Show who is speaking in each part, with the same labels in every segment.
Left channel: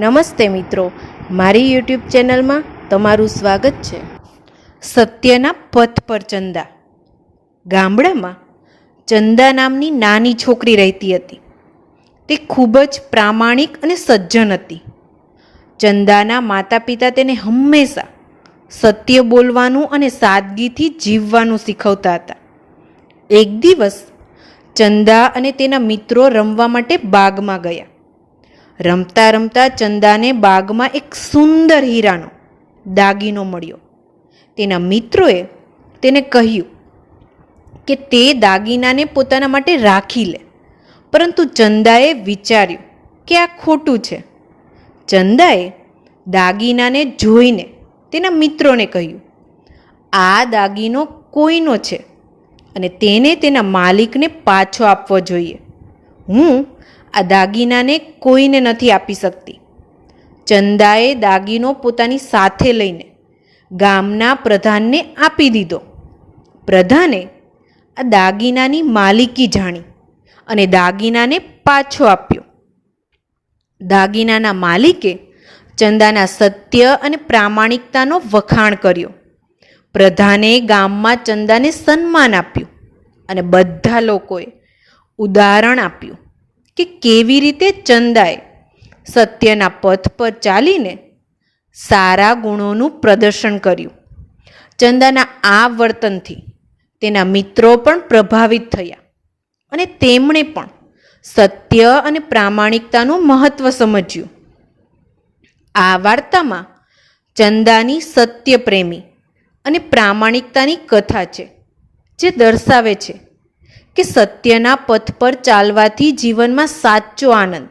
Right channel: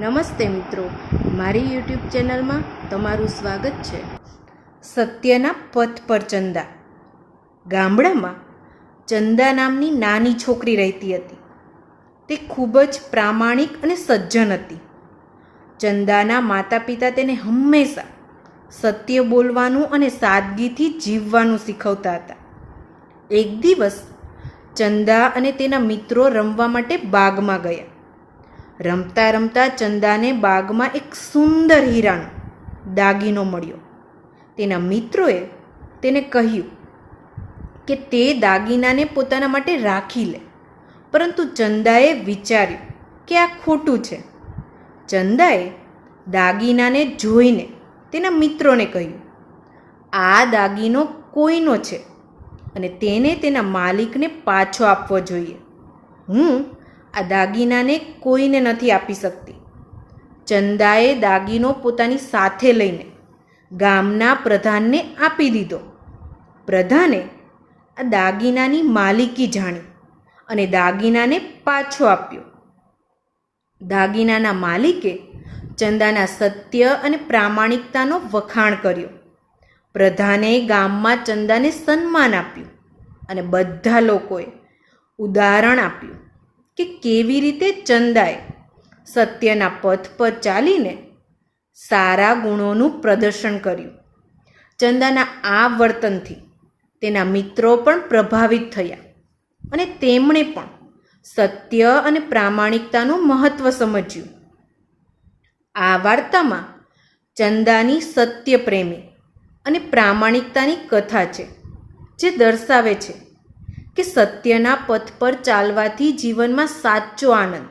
Speaker 1: નમસ્તે મિત્રો, મારી યુટ્યુબ ચેનલમાં તમારું સ્વાગત છે. સત્યના પથ પર ચંદા. ગામડામાં ચંદા નામની નાની છોકરી રહેતી હતી. તે ખૂબ જ પ્રામાણિક અને સજ્જન હતી. ચંદાના માતા પિતા તેને હંમેશા સત્ય બોલવાનું અને સાદગીથી જીવવાનું શીખવતા હતા. એક દિવસ ચંદા અને તેના મિત્રો રમવા માટે બાગમાં ગયા. રમતા રમતા ચંદાને બાગમાં એક સુંદર હીરાનો દાગીનો મળ્યો. તેના મિત્રોએ તેને કહ્યું કે તે દાગીનાને પોતાના માટે રાખી લે. પરંતુ ચંદાએ વિચાર્યું કે આ ખોટું છે. ચંદાએ દાગીનાને જોઈને તેના મિત્રોને કહ્યું, આ દાગીનો કોઈનો છે અને તેને તેના માલિકને પાછો આપવો જોઈએ. હું આ દાગીનાને કોઈને નથી આપી શકતી. ચંદાએ દાગીનો પોતાની સાથે લઈને ગામના પ્રધાનને આપી દીધો. પ્રધાને આ દાગીનાની માલિકી જાણી અને દાગીનાને પાછો આપ્યો. દાગીનાના માલિકે ચંદાના સત્ય અને પ્રામાણિકતાનો વખાણ કર્યો. પ્રધાને ગામમાં ચંદાને સન્માન આપ્યું અને બધા લોકોએ ઉદાહરણ આપ્યું. કે કેવી રીતે ચંદાએ સત્યના પથ પર ચાલીને સારા ગુણોનું પ્રદર્શન કર્યું. ચંદાના આ વર્તનથી તેના મિત્રો પણ પ્રભાવિત થયા અને તેમણે પણ સત્ય અને પ્રામાણિકતાનું મહત્ત્વ સમજ્યું. આ વાર્તામાં ચંદાની સત્યપ્રેમી અને પ્રામાણિકતાની કથા છે, જે દર્શાવે છે કે સત્યના પથ પર ચાલવાથી જીવનમાં સાચો આનંદ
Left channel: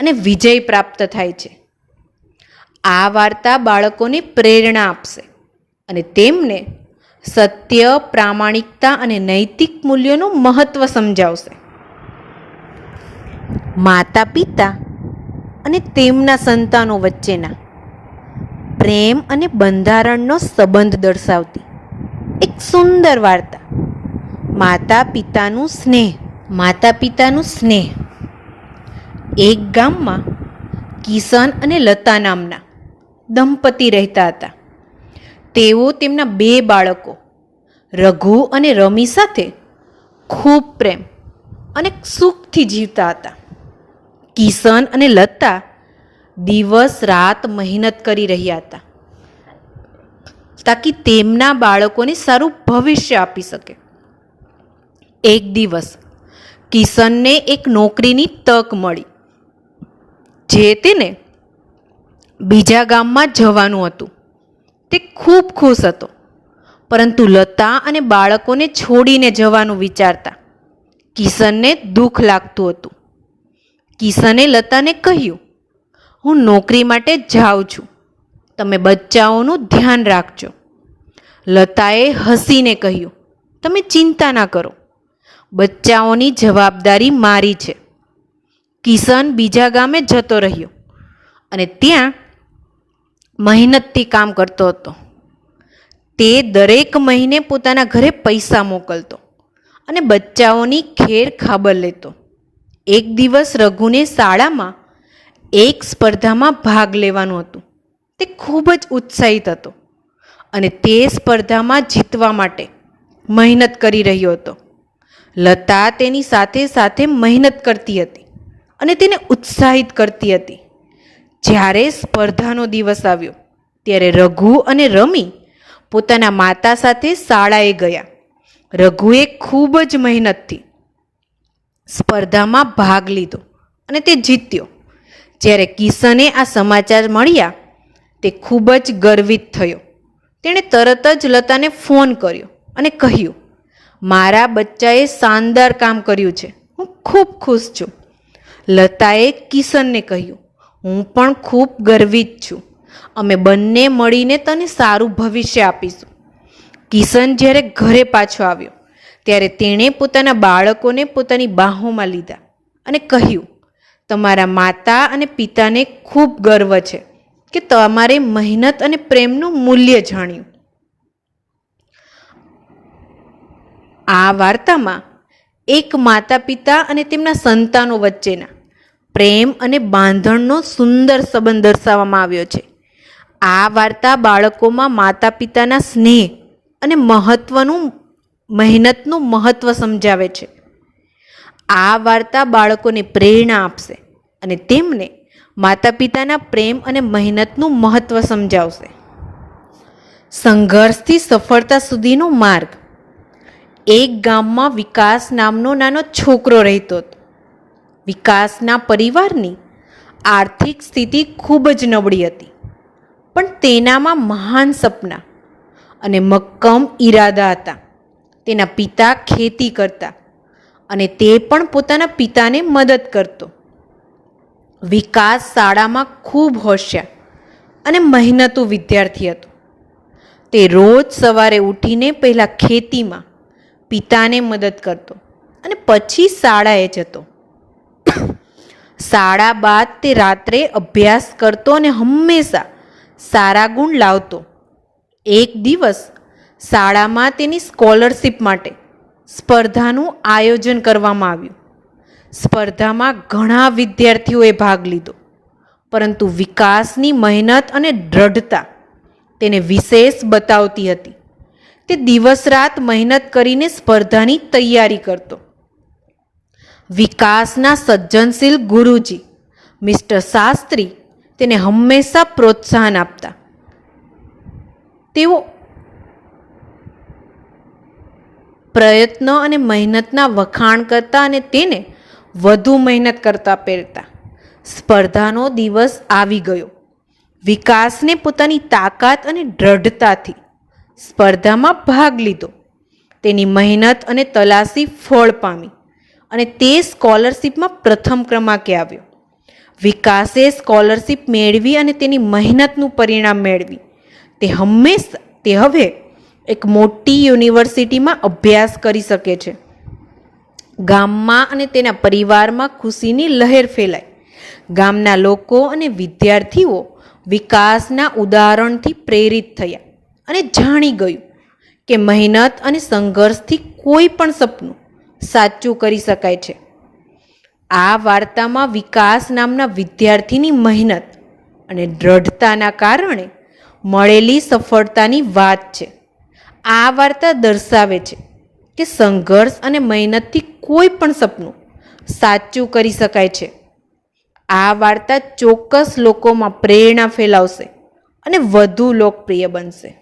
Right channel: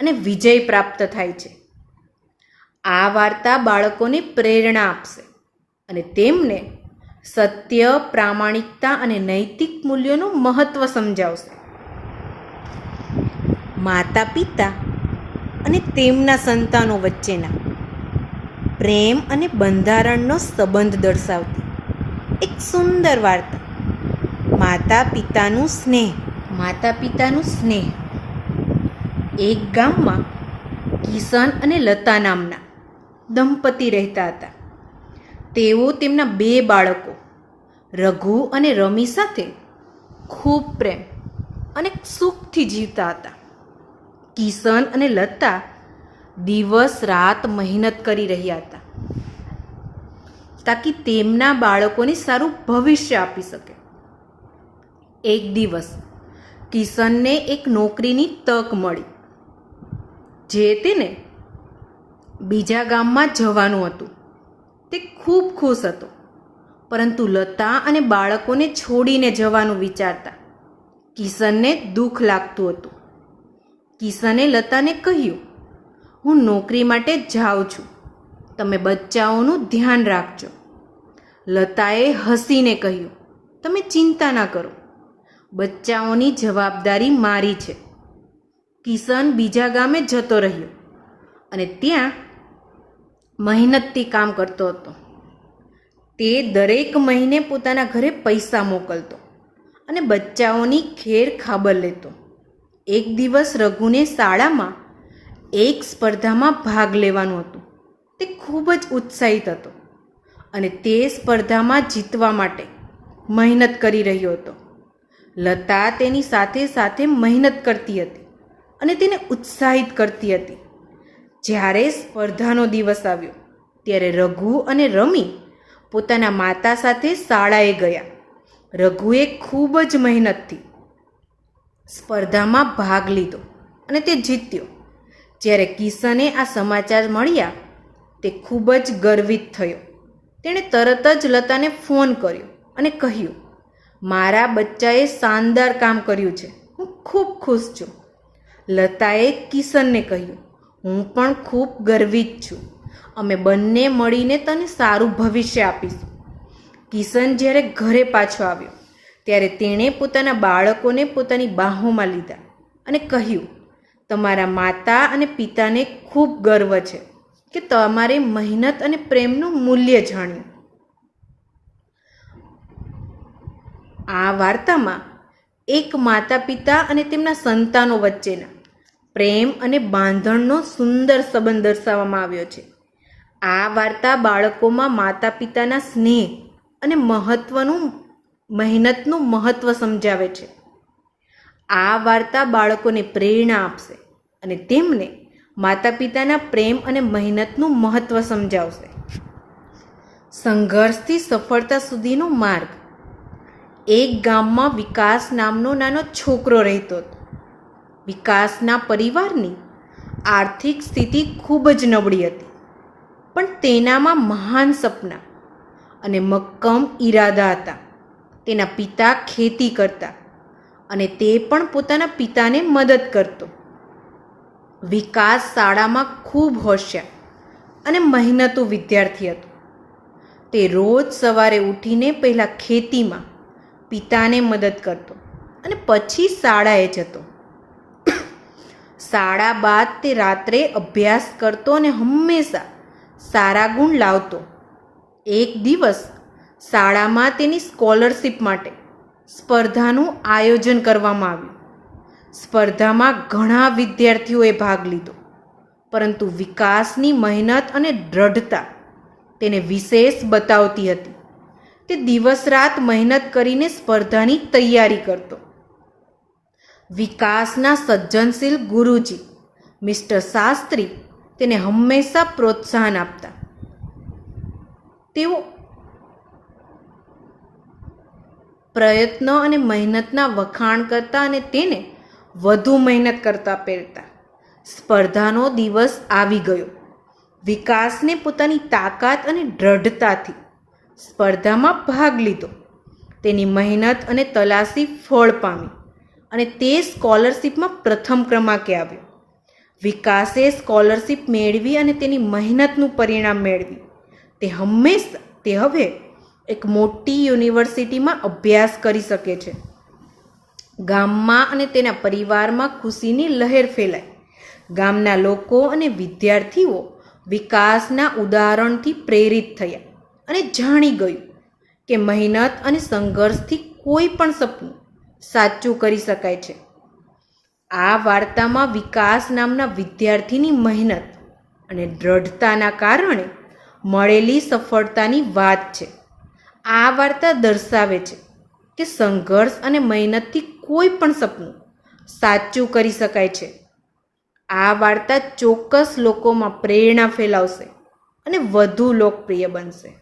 Speaker 1: અને વિજય પ્રાપ્ત થાય છે. આ વાર્તા બાળકોને પ્રેરણા આપશે અને તેમને સત્ય, પ્રામાણિકતા અને નૈતિક મૂલ્યોનું મહત્ત્વ સમજાવશે. માતા પિતા અને તેમના સંતાનો વચ્ચેના પ્રેમ અને બંધારણનો સંબંધ દર્શાવતી એક સુંદર વાર્તા માતા પિતાનું સ્નેહ માતા પિતાનું સ્નેહ. એક ગામમાં કિશન અને લતા નામના દંપતી રહેતા હતા. તેઓ તેમના બે બાળકો, રઘુ અને રમી સાથે ખૂબ પ્રેમ અને સુખથી જીવતા હતા. કિશન અને લતા દિવસ રાત મહેનત કરી રહ્યા હતા, તાકી તેમના બાળકોને સારું ભવિષ્ય આપી શકે. એક દિવસ કિશનને એક નોકરીની તક મળી, જે તેને બીજા ગામમાં જવાનું હતું. તે ખૂબ ખુશ હતો, પરંતુ લતા અને બાળકોને છોડીને જવાનું વિચારતા કિશનને દુઃખ લાગતું હતું. કિશને લતાને કહ્યું, હું નોકરી માટે જાઉં છું. તમે બચ્ચાઓનું ધ્યાન રાખજો. લતાએ હસીને કહ્યું, તમે ચિંતા ના કરો. બચ્ચાઓની જવાબદારી મારી છે. કિશન બીજા ગામે જતો રહ્યો અને ત્યાં મહેનતથી કામ કરતો હતો. તે દરેક મહિને પોતાના ઘરે પૈસા મોકલતો અને બચ્ચાઓની ખેર ખાબર લેતો. એક દિવસ રઘુને શાળામાં એક સ્પર્ધામાં ભાગ લેવાનું હતું. તે ખૂબ જ ઉત્સાહિત હતો અને તે સ્પર્ધામાં જીતવા માટે મહેનત કરી રહ્યો હતો. લતા તેની સાથે સાથે મહેનત કરતી હતી અને તેને ઉત્સાહિત કરતી હતી. જ્યારે સ્પર્ધાનો દિવસ આવ્યો, ત્યારે રઘુ અને રમી પોતાના માતા સાથે શાળાએ ગયા. રઘુએ ખૂબ જ મહેનતથી સ્પર્ધામાં ભાગ લીધો અને તે જીત્યો. જ્યારે કિશને આ સમાચાર મળ્યા, તે ખૂબ જ ગર્વિત થયો. તેણે તરત જ લતાને ફોન કર્યો અને કહ્યું મારા બચ્ચાએ શાનદાર કામ કર્યું છે. હું ખૂબ ખુશ છું. લતાએ કિશનને કહ્યું, હું પણ ખૂબ ગર્વિત છું. અમે બંને મળીને તને સારું ભવિષ્ય આપીશું. કિશન જ્યારે ઘરે પાછો આવ્યો, ત્યારે તેણે પોતાના બાળકોને પોતાની બાહોમાં લીધા અને કહ્યું, તમારા માતા અને પિતાને ખૂબ ગર્વ છે કે તમારે મહેનત અને પ્રેમનું મૂલ્ય જાણ્યું. આ વાર્તામાં એક માતા પિતા અને તેમના સંતાનો વચ્ચેના પ્રેમ અને બાંધણનો સુંદર સંબંધ દર્શાવવામાં આવ્યો છે. આ વાર્તા બાળકોમાં માતા પિતાના સ્નેહ અને મહત્વનું, મહેનતનું મહત્ત્વ સમજાવે છે. આ વાર્તા બાળકોને પ્રેરણા આપશે અને તેમને માતા પિતાના પ્રેમ અને મહેનતનું મહત્ત્વ સમજાવશે. સંઘર્ષથી સફળતા સુધીનો માર્ગ એક ગામમાં વિકાસ નામનો નાનો છોકરો રહેતો હતો. વિકાસના પરિવારની આર્થિક સ્થિતિ ખૂબ જ નબળી હતી. પણ તેનામાં મહાન સપના અને મક્કમ ઈરાદા હતા. તેના પિતા ખેતી કરતા અને તે પણ પોતાના પિતાને મદદ કરતો. વિકાસ શાળામાં ખૂબ હોશિયાર અને મહેનતુ વિદ્યાર્થી હતો. તે રોજ સવારે ઉઠીને પહેલાં ખેતીમાં પિતાને મદદ કરતો અને પછી શાળાએ જતો. શાળા બાદ તે રાત્રે અભ્યાસ કરતો અને હંમેશા સારા ગુણ લાવતો. એક દિવસ શાળામાં તેની સ્કોલરશિપ માટે સ્પર્ધાનું આયોજન કરવામાં આવ્યું. સ્પર્ધામાં ઘણા વિદ્યાર્થીઓએ ભાગ લીધો, પરંતુ વિકાસની મહેનત અને દ્રઢતા તેને વિશેષ બતાવતી હતી. તે દિવસ રાત મહેનત કરીને સ્પર્ધાની તૈયારી કરતો. વિકાસના સજ્જનશીલ ગુરુજી, મિસ્ટર શાસ્ત્રી, તેને હંમેશા પ્રોત્સાહન આપતા. તેઓ પ્રયત્નો અને મહેનતના વખાણ કરતા અને તેને વધુ મહેનત કરતા પહેરતા. સ્પર્ધાનો દિવસ આવી ગયો. વિકાસને પોતાની તાકાત અને દ્રઢતાથી સ્પર્ધામાં ભાગ લીધો. તેની મહેનત અને તલાશી ફળ પામી અને તે સ્કોલરશિપમાં પ્રથમ ક્રમાંકે આવ્યો. વિકાસે સ્કોલરશિપ મેળવી અને તેની મહેનતનું પરિણામ મેળવી. તે હંમેશ, તે હવે એક મોટી યુનિવર્સિટીમાં અભ્યાસ કરી શકે છે. ગામમાં અને તેના પરિવારમાં ખુશીની લહેર ફેલાઈ ગામના લોકો અને વિદ્યાર્થીઓ વિકાસના ઉદાહરણથી પ્રેરિત થયા. અને જાણી ગયું કે મહેનત અને સંઘર્ષથી કોઈ પણ સપનું સાચું કરી શકાય છે. આ વાર્તામાં વિકાસ નામના વિદ્યાર્થીની મહેનત અને દ્રઢતાના કારણે મળેલી સફળતાની વાત છે. આ વાર્તા દર્શાવે છે કે સંઘર્ષ અને મહેનતથી કોઈ પણ સપનું સાચું કરી શકાય છે. આ વાર્તા ચોક્કસ લોકોમાં પ્રેરણા ફેલાવશે અને વધુ લોકપ્રિય બનશે.